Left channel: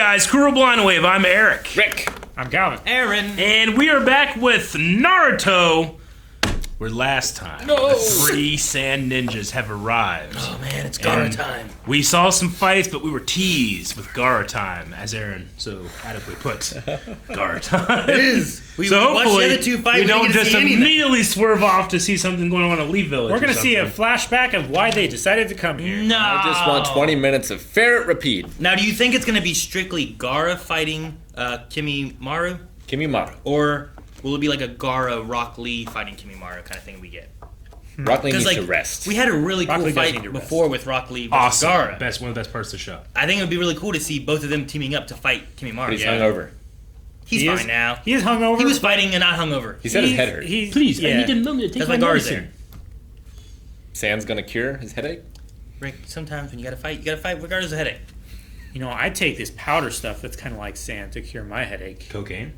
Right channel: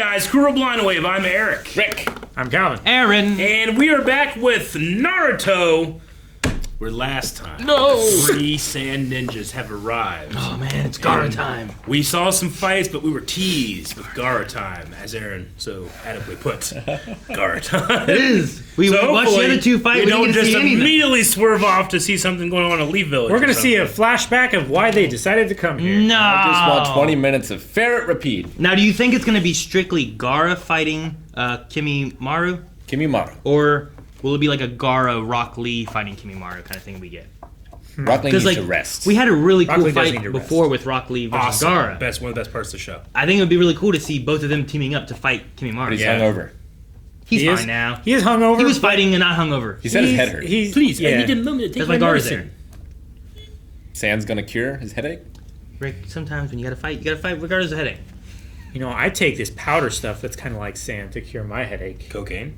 guys, Kuro Blind Wave. I'm Eric. Rick. I'm Calvin. Aaron. And we are back with Naruto. Where last time, the 3 sand ninjas have arrived. Oh man, it's Gaara time. We saw some fights, but we were teased with Gaara time, as Aaron so adequately put. Gaara time. It is. We So watched the other two fight. We We didn't don't get to just see anything. immediately swerve off to see something going on in Elite Village. We're going to see a flashback of why they decided to come here. No. I just want 20 minutes of ferret repeat. Now, do you think it's going to be strictly Gaara fighting Kimimaro? Kimimaro. Or will it be like a Gaara Rock Lee fighting Kimimaro kind of thing we get? Rock Lee needs like, to rest. We had a really Rock cool Lee does need fight to before rest. with Rock Lee versus awesome. Gaara. One of the best parts of the show. I think it would be really cool to see both of them teaming up to fight Kimimaro. He's Yeah. hungover. He's He fine is- now. He is hungover. He was fighting and not hungover. He said his head hurt. Please, I yeah. need a moment to take That's my why Gaara's medicine. there. Sand's gonna cure his headache? Rick, sometimes when you gotta fight regardless of headache. You know, I take this powder stuff that's kind of like sand to cure my headache. Cocaine.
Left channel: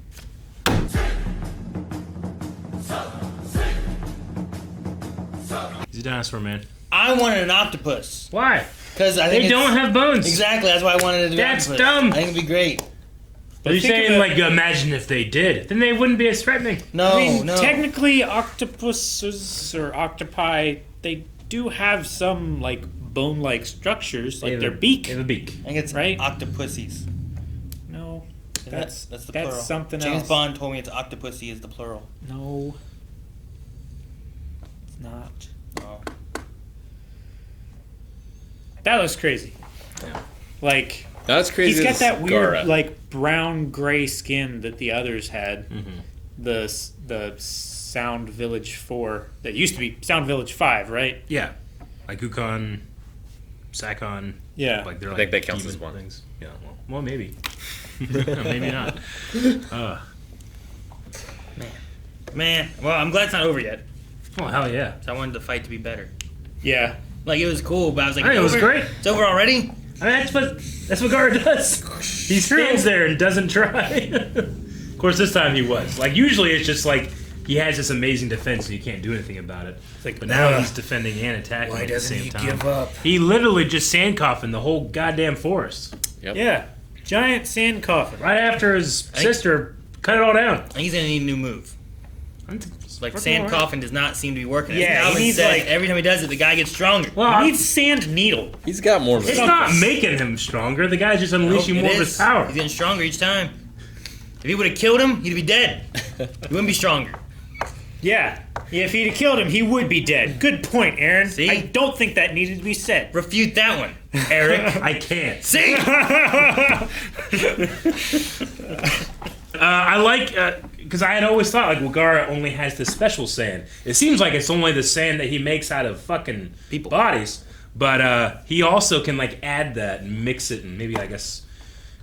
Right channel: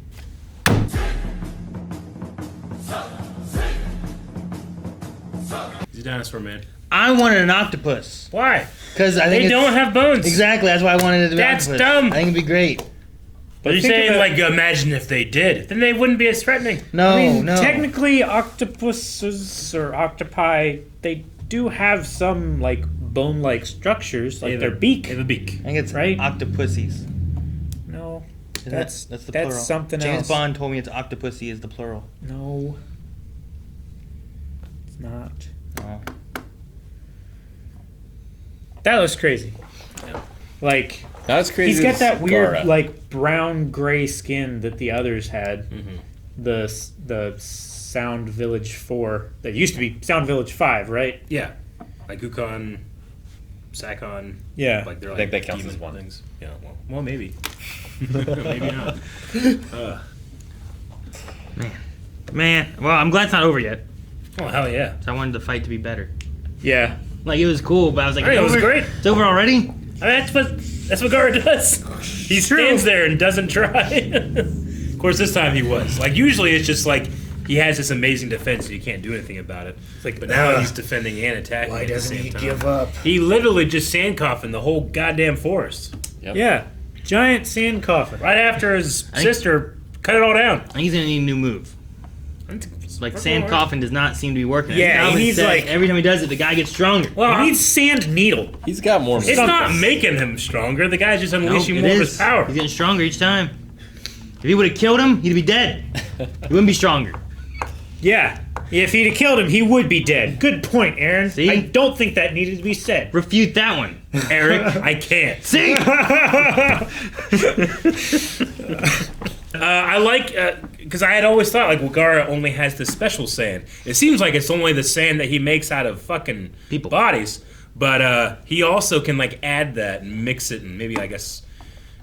He's a dinosaur, man. I wanted an octopus. Why? Because I think They don't have bones. Exactly, that's why I wanted it to be That's octopus. dumb. I think it'd be great. But you're think saying, of it- like, imagine if they did. Then they wouldn't be as threatening. No, I mean, no. technically, octopuses or octopi, they do have some, like, bone-like structures, like their beak. They have a beak. I think it's Right? octopussies. No, Isn't that's that's the that's plural. something James else. Bond told me it's octopussy is the plural. No, it's not. Oh. That looks crazy. Like, Not as crazy he's got as that weird, Gaara. like, brown-gray skin that the others had. Mm-hmm. The Sound Village 4, that used to be Sound Village 5, right? Yeah. Like Ukon, Sakon. Yeah. Like, they're I like think that counts demon as one. things. Yeah, well maybe. Maybe not. Man, well, I'm glad it's not over yet. Oh, hell yeah. 'Cause I wanted the fight to be better. Yeah. Like, it was cool, but I was like, I think it was over? great. It's over already? I mean, that's what Gaara does. He stands there and doesn't try. Of course, this time he was. Like, usually it's just like he has this amazing defense, so you can't do anything about it. But now he's defending and attacking at the same time. up? He literally just sand coffined the whole goddamn forest. Yeah. Giant sand coffin. Right after his sister cut it all down. I think he's gonna need a new move. Like, sand coffin does not seem to be working. Yeah, As Calvin he needs, said, like- every time he does it, the guy gets stronger. Well, He needs sand needle. He's got more. it's not making him stronger. The guy's just unleashing Nope, more it of is. his power. He's getting stronger each time. If he would have killed him, he'd be dead. He wouldn't be stronger. Yeah. If he'd have killed him, he would be dead. Good point, Aaron. See? I don't think that needed to be said. Refute that one. Eric, I can't. See? I like, because I had always thought, like, well, Gaara only has the special sand. It seems like it's only the sand that he makes out of fucking People. bodies. But he also can, like, add that and mix it, and maybe, I guess,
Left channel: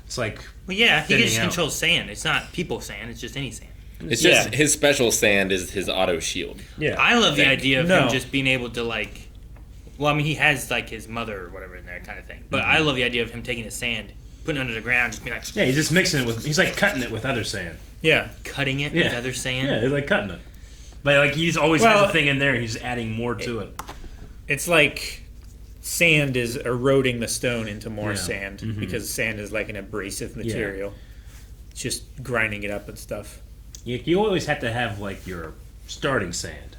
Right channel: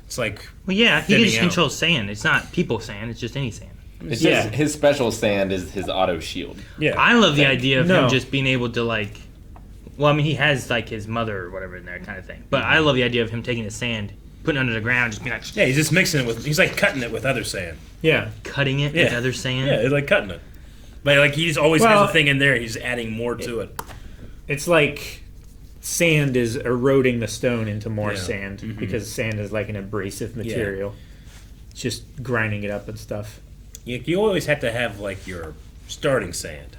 it's like, Well, yeah, he Thinning just out. controls sand. It's not people sand. It's just any sand. It's just Yeah. his special sand is his auto shield. yeah. I love the idea of No. him just being able to, like... Well, I mean, he has, like, his mother or whatever in there kind of thing. But I love the idea of him taking his sand, putting it under the ground, just being like... Yeah, he's just mixing it with, he's like cutting it with other sand. Yeah. Cutting it Yeah. with other sand. Yeah, he's like cutting it. But, like, he's always Well- has a thing in there, and he's adding more to it. It's like sand is eroding the stone into more Yeah. sand Mhm. because sand is like an abrasive material. It's just grinding it up and stuff. You always have to have, like, your starting sand,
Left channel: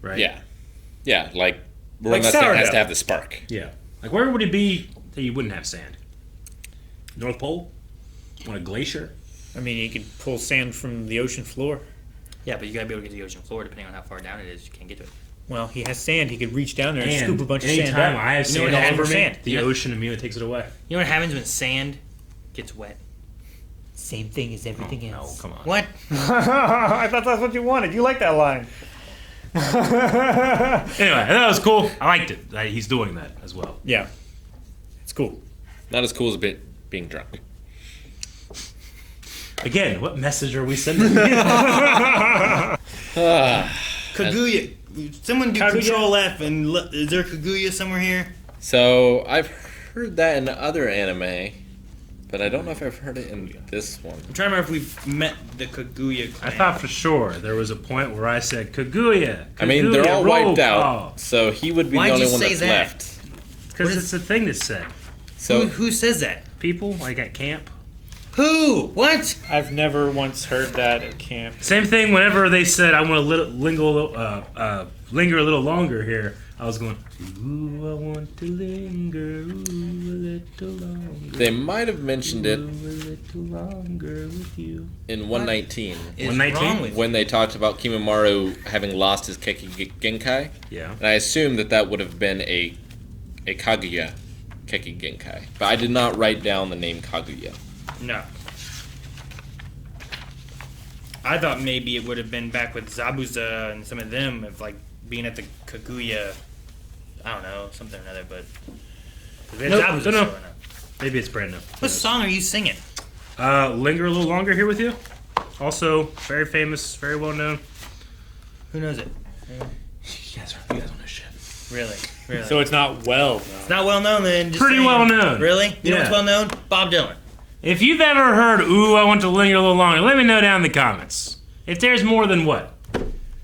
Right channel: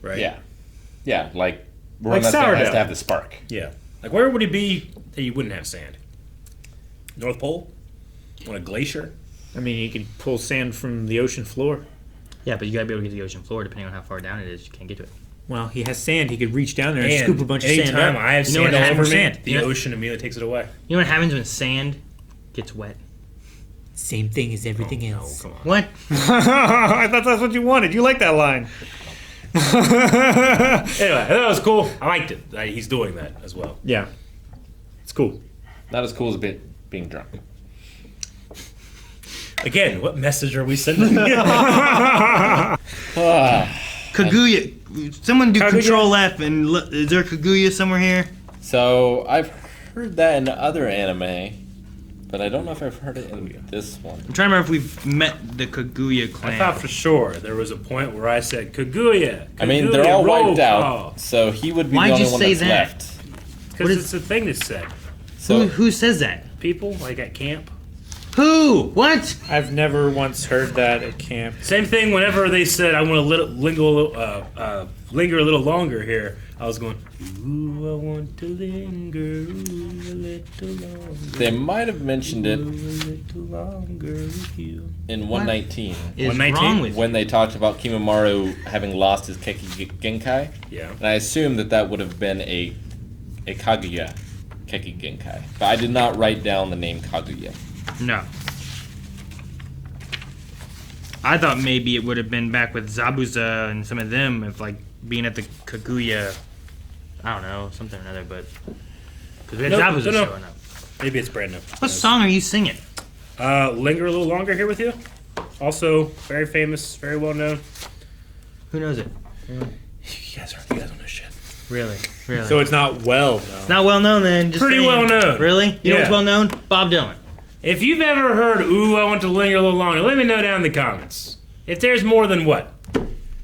right? Yeah. Yeah, like one Like that has sourdough. to have the spark. Yeah. Like, where would it be that you wouldn't have sand? North Pole? On a glacier? I mean, you can pull sand from the ocean floor. Yeah, but you gotta be able to get to the ocean floor depending on how far down it is. You can't get to it. Well, he has sand. He could reach down there and scoop a bunch of sand anytime up. I have You know sand what all happens over with me, sand? the You know- ocean immediately takes it away. You know what happens when sand gets wet? Same thing as everything No, come on. What? I thought that's what you wanted. You like that line. Anyway, that was cool. I liked it. He's doing that as well. Yeah. It's cool. Not as cool as being drunk. Again, what message are we sending? Kaguya. Someone do Kaguya? Control F and is there Kaguya somewhere here? So I've heard that in other anime, but I don't know if I've heard it in this one. I'm trying to remember if we've met the Kaguya I clan. thought for sure there was a point where I said, Kaguya. I mean, they're all roll wiped out, call. so he would be Why'd the only you one say that's that? left. Because it's a thing that's said. So who says that? People, like at camp. Who? What? I've never once heard that at camp. Same thing. Whenever they said, "I want to linger a little longer here," I was going, "Ooh, I want to linger a little longer." They might have mentioned it Ooh, a little longer with you. in 119 Is 119? wrong with you? when they talked about Kimimaro having lost his Keki Genkai. Yeah. And I assume that would have been a Kaguya Keki Genkai. But I did not write down the name Kaguya. No. I thought maybe it would have been back with Zabuza and some of them of like being at the Kaguya. I don't know, something or another, but because we had Zabuza showing up. Maybe it's brand new. What song are you singing? Linger a little longer here with you. Also, very famous, very well known. Who knows it? You guys know this shit. Really? Really? So it's not well known. It's not well known then. Just Pretty saying. well known. Really? You know what's Yeah. well known? Bob Dylan. If you've ever heard "Ooh, I want to linger a little longer," let me know down in the comments. If there's more than what?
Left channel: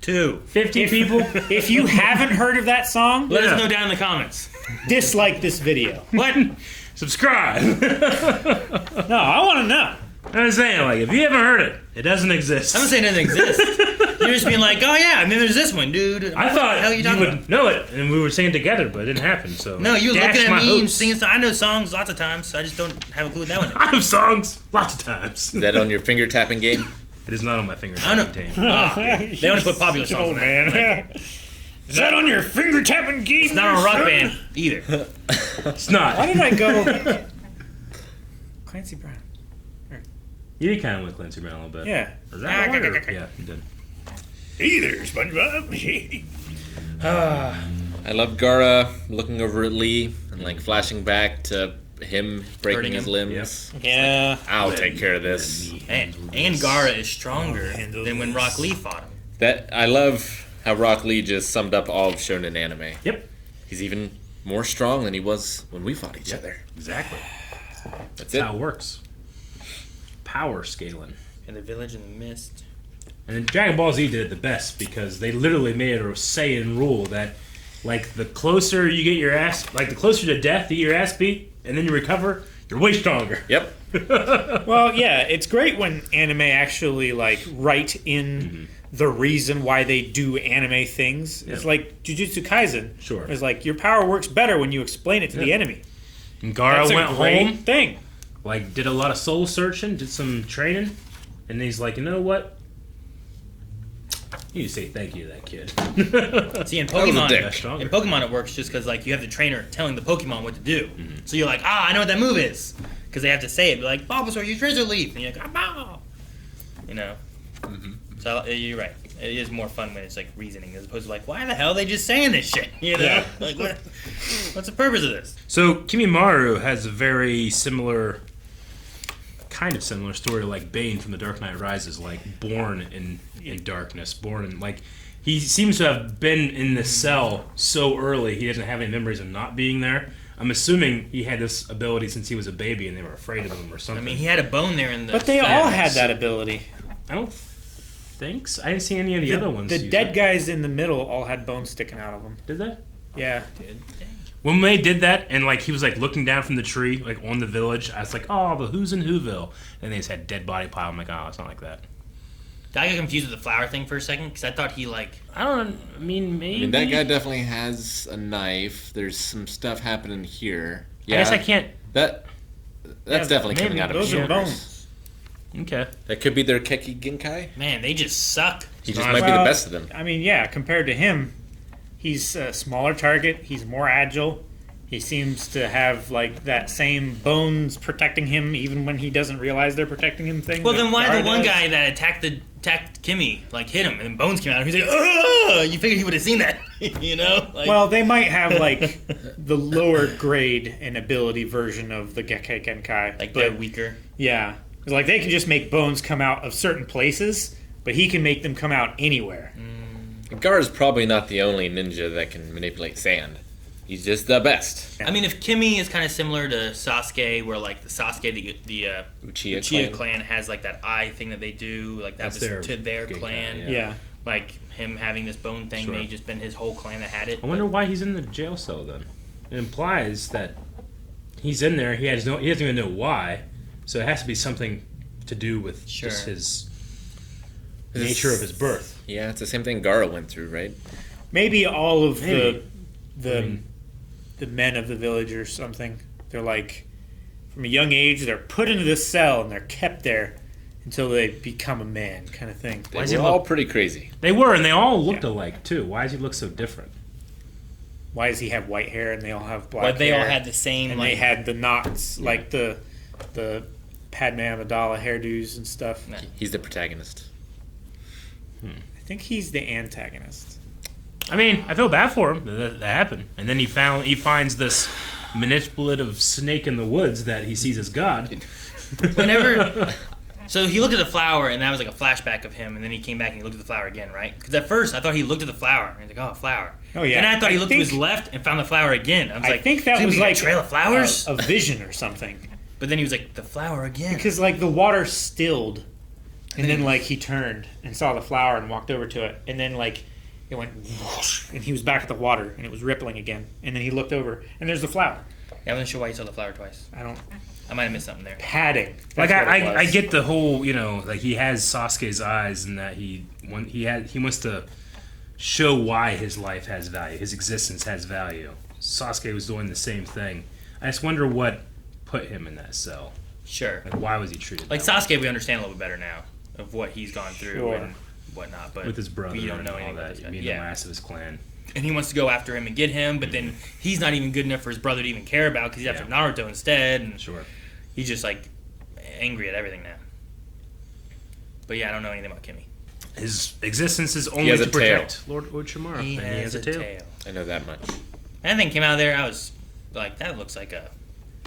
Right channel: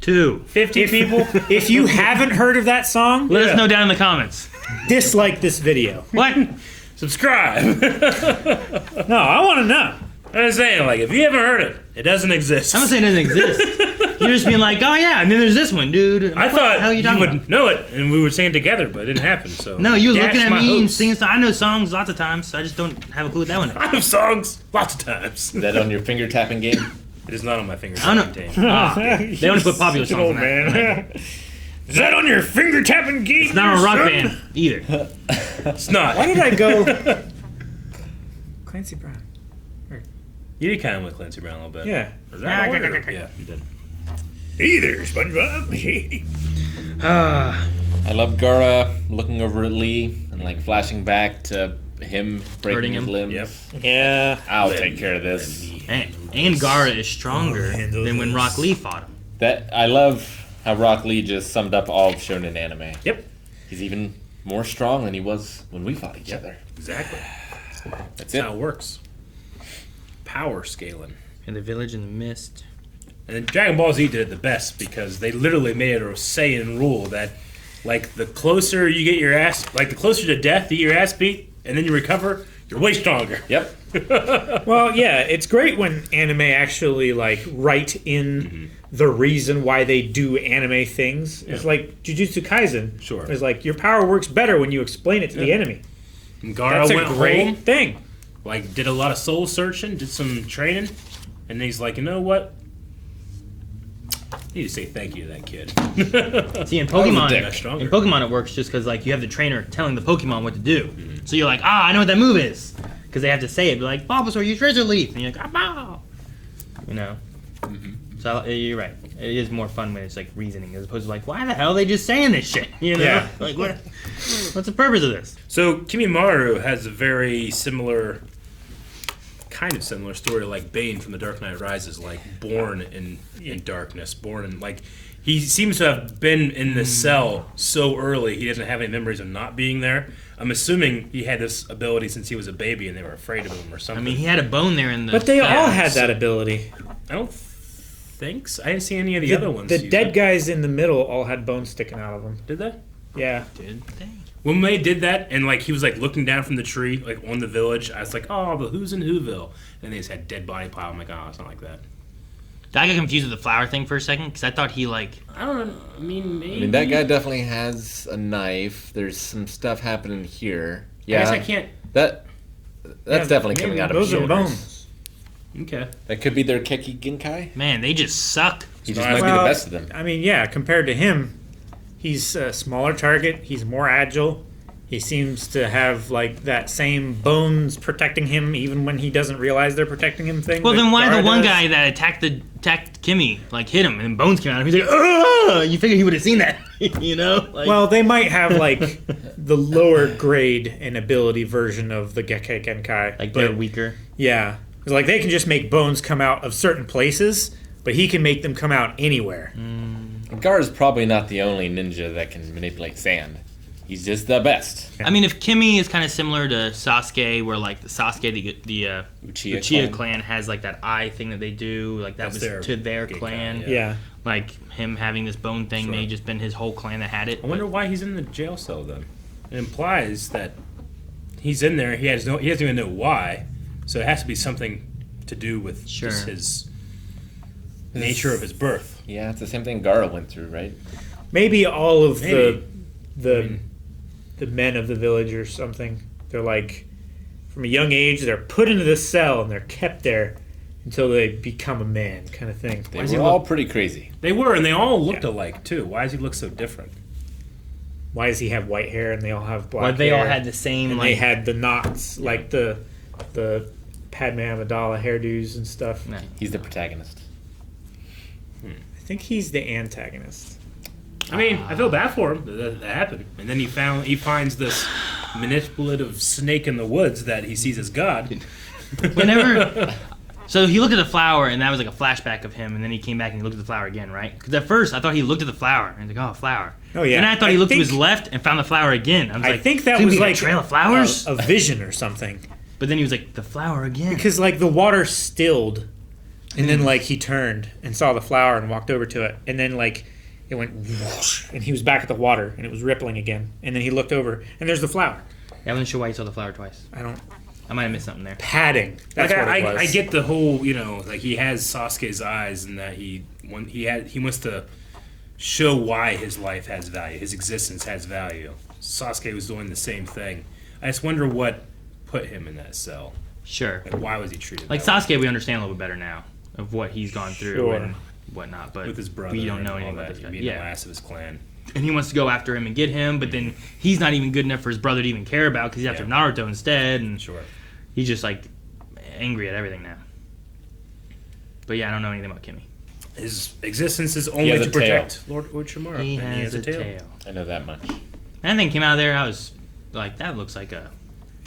50 people? If you haven't heard of that song, Let Yeah. us know down in the comments. dislike this video. What? Subscribe. No, I want to know. I'm saying, like, if you haven't heard it, it doesn't exist. I'm not saying it doesn't exist. You're just being like, oh yeah, and then there's this one, dude. I What thought the hell are you talking would about? know it, and we would sing it together, but it didn't happen. So No, you were Dash looking at my me and hopes. singing songs. I know songs lots of times, so I just don't have a clue what that one is. I have songs lots of times. Is that on your finger tapping game? It is not on my finger. I don't know. They only put popular songs Oh on that. man. Is that on your finger tapping game? It's not a rock band either. It's not. Why did I go Clancy Brown? You did kind of with Clancy Brown a little bit. Yeah. Is that right? Yeah, you did. Hey there, SpongeBob. Hey. I love Gaara looking over at Lee and like flashing back to him breaking Hurting his him. limbs. Yep. Yeah. I'll take care of this. And Gaara is stronger handle than when this. Rock Lee fought him. That I love how Rock Lee just summed up all of shonen anime. Yep. He's even more strong than he was when we fought each Yep. other. Exactly. That's That's it. how it works. Power scaling. In the Village in the Mist. And then Dragon Ball Z did it the best because they literally made it a say and rule that, like, the closer you get your ass, like, the closer to death you get your ass beat, and then you recover, you're way stronger. Yep. Well, yeah, it's great when anime actually like write in the reason why they do anime things. It's like Jujutsu Kaisen. Sure. It's like your power works better when you explain it to the enemy. And Gaara That's a went great home, thing. like, did a lot of soul searching, did some training, and he's like, you know what? You need to say thank you to that kid. See, in was a Pokemon, dick. Got stronger. in Pokemon it works just because like you have the trainer telling the Pokemon what to do. So you're like, I know what that move is. Because they have to say it. Be like, Bulbasaur, use Razor Leaf. And you're like, bow. You know? So you're right. It is more fun when it's like reasoning as opposed to like, why the hell are they just saying this shit? You know? Yeah. Like, what's the purpose of this? So Kimimaro has a very similar, kind of similar story like Bane from The Dark Knight Rises, like born in darkness, born in, like, he seems to have been in the cell so early he doesn't have any memories of not being there. I'm assuming he had this ability since he was a baby and they were afraid of him or I something. mean, he had a bone there in the. But they fence. all had that ability. I don't think so. I didn't see any of the other ones. The use dead it. guys in the middle all had bones sticking out of them. Did they? Yeah. Did they? When they did that, and like he was like looking down from the tree, like on the village, I was like, "Oh, the who's in Whoville?" And they just had dead body pile. I'm like, "Oh, it's not like that." I got confused with the flower thing for a second because I thought he like. I don't. I mean, maybe. I mean, that guy definitely has a knife. There's some stuff happening here. Yeah, I guess I can't. That's definitely coming maybe out of Those his are shoulders. bones. Okay. That could be their Keki Genkai. Man, they just suck. He just Well, might be the best of them. I mean, yeah, compared to him, he's a smaller target. He's more agile. He seems to have like that same bones protecting him even when he doesn't realize they're protecting him thing. Well, that then why Gaara the one does. guy that attacked Kimmy like hit him and bones came out? He's like, ugh! You figured he would have seen that, you know? Like, Well, they might have like the lower grade and ability version of the Gekkei Genkai. like but, they're weaker. yeah, 'cause, like they can just make bones come out of certain places, but he can make them come out anywhere. Gaara's probably not the only ninja that can manipulate sand. He's just the best. I mean, if Kimmy is kind of similar to Sasuke, where like the Sasuke, the Uchiha clan has like that eye thing that they do, like that That's was their to their Gekkei, clan. yeah. Yeah. Like him having this bone thing Sure. may have just been his whole clan that had it. I wonder why he's in the jail cell then. It implies that he's in there. He doesn't even know why. So it has to be something to do with Sure. just his nature of his birth. Yeah, it's the same thing Gaara went through, right? Maybe all of Maybe. the men of the village or something. They're like, from a young age, they're put into this cell and they're kept there until they become a man, kind of thing. They does he were all look- pretty crazy. They were, and they all looked alike too. Why does he look so different? Why does he have white hair and they all have black Like they all hair? had the same And like. they had the knots, like the Padme Amidala hairdos and stuff. Nice. He's the protagonist. I think he's the antagonist. I mean, I feel bad for him that happened. And then he finds this manipulative snake in the woods that he sees as God. Whenever. So he looked at the flower, and that was like a flashback of him, and then he came back and he looked at the flower again, right? Because at first I thought he looked at the flower, and he's like, oh, flower. Oh, yeah. And I thought he I looked to his think- left and found the flower again. I was I like, think that "So was we got like a trail of flowers. a vision or something. But then he was like, the flower again. Because like the water stilled, and then like he turned and saw the flower and walked over to it, and then like it went whoosh, and he was back at the water and it was rippling again, and then he looked over and there's the flower. Yeah, I wasn't sure why he saw the flower twice. I might have missed something there. Padding. Like That's what it was. I get the whole, like he has Sasuke's eyes, and that he wants to show why his life has value, his existence has value. Sasuke was doing the same thing. I just wonder what put him in that cell. Sure. Like, why was he treated Like that way? Sasuke, we understand a little bit better now of what he's gone through Sure. and whatnot, but with his brother? we don't and know all anything about that, this guy. being the Yeah. last of his clan. And he wants to go after him and get him, but then he's not even good enough for his brother to even care about because he's after Naruto instead, and Sure. he's just like angry at everything now. But yeah, I don't know anything about Kimmy. His existence is only has to a tail. protect Lord Orochimaru. He and has a tail. I know that much. And thing came out of there, I was like, that looks like a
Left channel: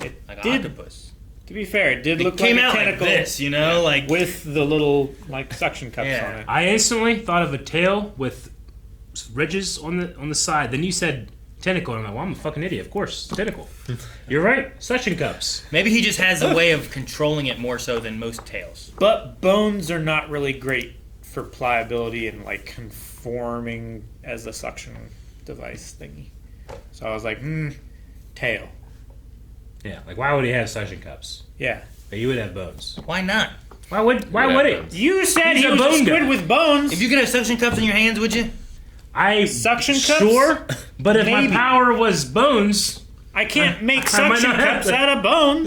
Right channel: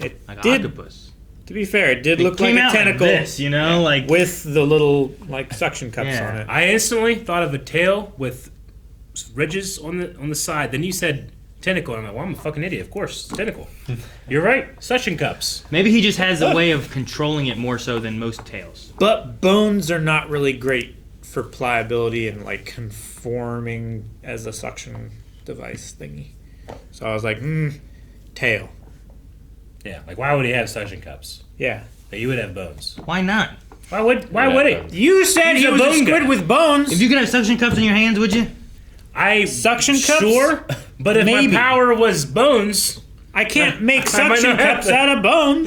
It like an did. octopus. To be fair, it did It look came like a out like tentacle this, you know, like with the little like suction cups Yeah. on it. I instantly thought of a tail with ridges on the side. Then you said tentacle, and I'm like, well, I'm a fucking idiot. Of course, tentacle. You're right. Suction cups. maybe he just has a way of controlling it more so than most tails. But bones are not really great for pliability and like conforming as a suction device thingy. So I was like, tail. Yeah. Like, why would he have suction cups? Yeah. But he would have bones. Why not? Why would he? You said He's he a was a bone squid guy. with bones. If you could have suction cups in your hands, would you? Suction cups? Sure. But if Maybe. my power was bones, I can't make I might suction not have cups that. out of bones.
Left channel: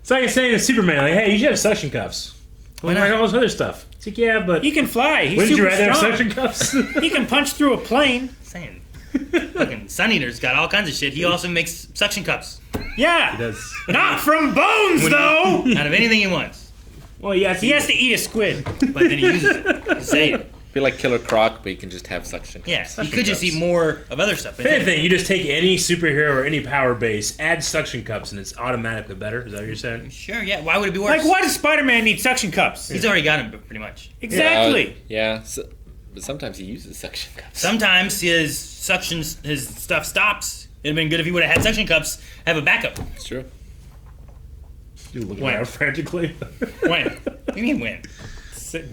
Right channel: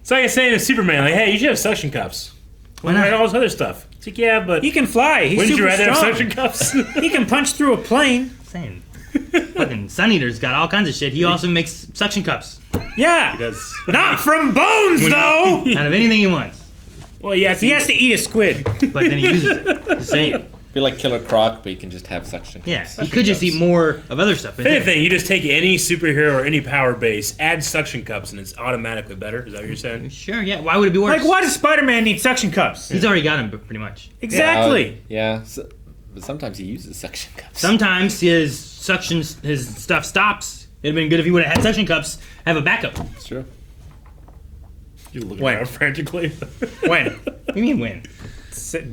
it's like saying to Superman, like, hey, you should have suction cups. Why not? not all this other stuff? It's like, yeah, but He can fly. He's wouldn't you super rather have strong. suction cups? He can punch through a plane. Saying. Fucking Sun Eater's got all kinds of shit. He also makes suction cups Yeah. He does. Not from bones, though. out of anything he wants. Well, yeah, He has to eat a squid. But then he uses it. Just saying. Be like Killer Croc, but you can just have such. Yeah, he could just eat more of other stuff. If anything, you just take any superhero or any power base, add suction cups, and it's automatically better. Is that what you're saying? Sure, yeah. Why would it be worse? Like, why does Spider-Man need suction cups? He's already got him, pretty much. Exactly. Yeah, but sometimes he uses suction cups. Sometimes his stuff stops. It'd have been good if he would have had suction cups, have a backup. What It's true. You look When? around frantically. When? do you mean when?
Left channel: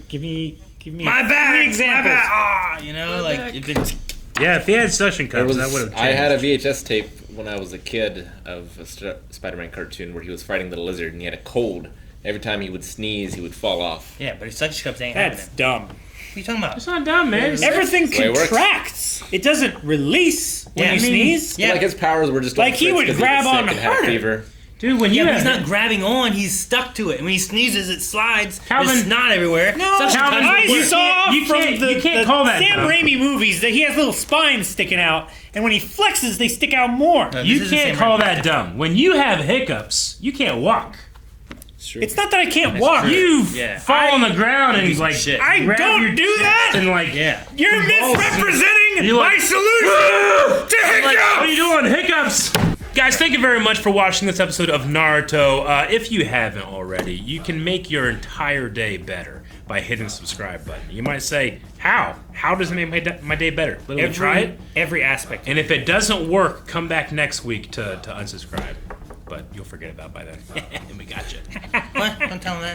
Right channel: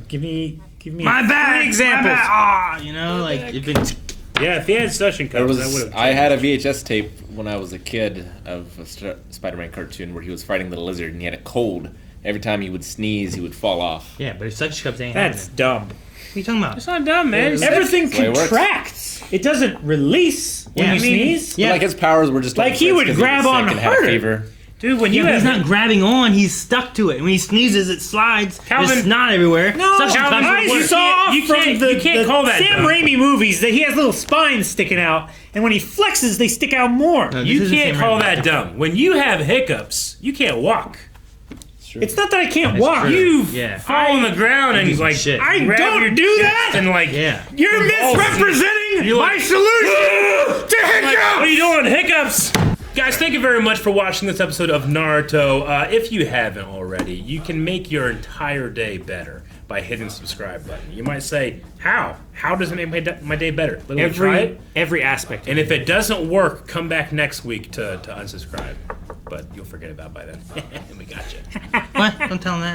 Give me My bad! examples. My bad! Ah, you know, like, if it's... Yeah, if he had suction There cups, was, that would have. I had a VHS tape when I was a kid of a Spider-Man cartoon where he was fighting the lizard and he had a cold. Every time he would sneeze, he would fall off. Yeah, but if suction cups ain't That's happening. dumb. What are you talking about? It's not dumb, man. Everything the way it works. contracts. It doesn't release when Yeah, you I mean, sneeze. yeah. Like his powers were just Like on he fritz would 'cause grab was sick on and had a her. fever. Dude, when Yeah, you but have he's not grabbing on, he's stuck to it. And when he sneezes, it slides. Calvin- There's snot everywhere. No, Suction cups I don't work. saw you from can't- the, you can't the call that Sam dumb. Raimi movies that he has little spines sticking out, and when he flexes, they stick out more. No, You this isn't can't Sam call Raimi. that dumb. When you have hiccups, you can't walk. It's not that I can't walk. true. You Yeah. fall on the ground and piece of like shit. I grab don't your do that. and like Yeah. You're balls. misrepresenting You're my like, solution to like, hiccups. what are you doing? Hiccups! Guys, thank you very much for watching this episode of Naruto. If you haven't already, you can make your entire day better by hitting the subscribe button. You might say, how? How does it make my day better? Literally try it. Every aspect. And if it doesn't work, come back next week to unsubscribe. But you'll forget about it by then. We got you. What? Don't tell him that.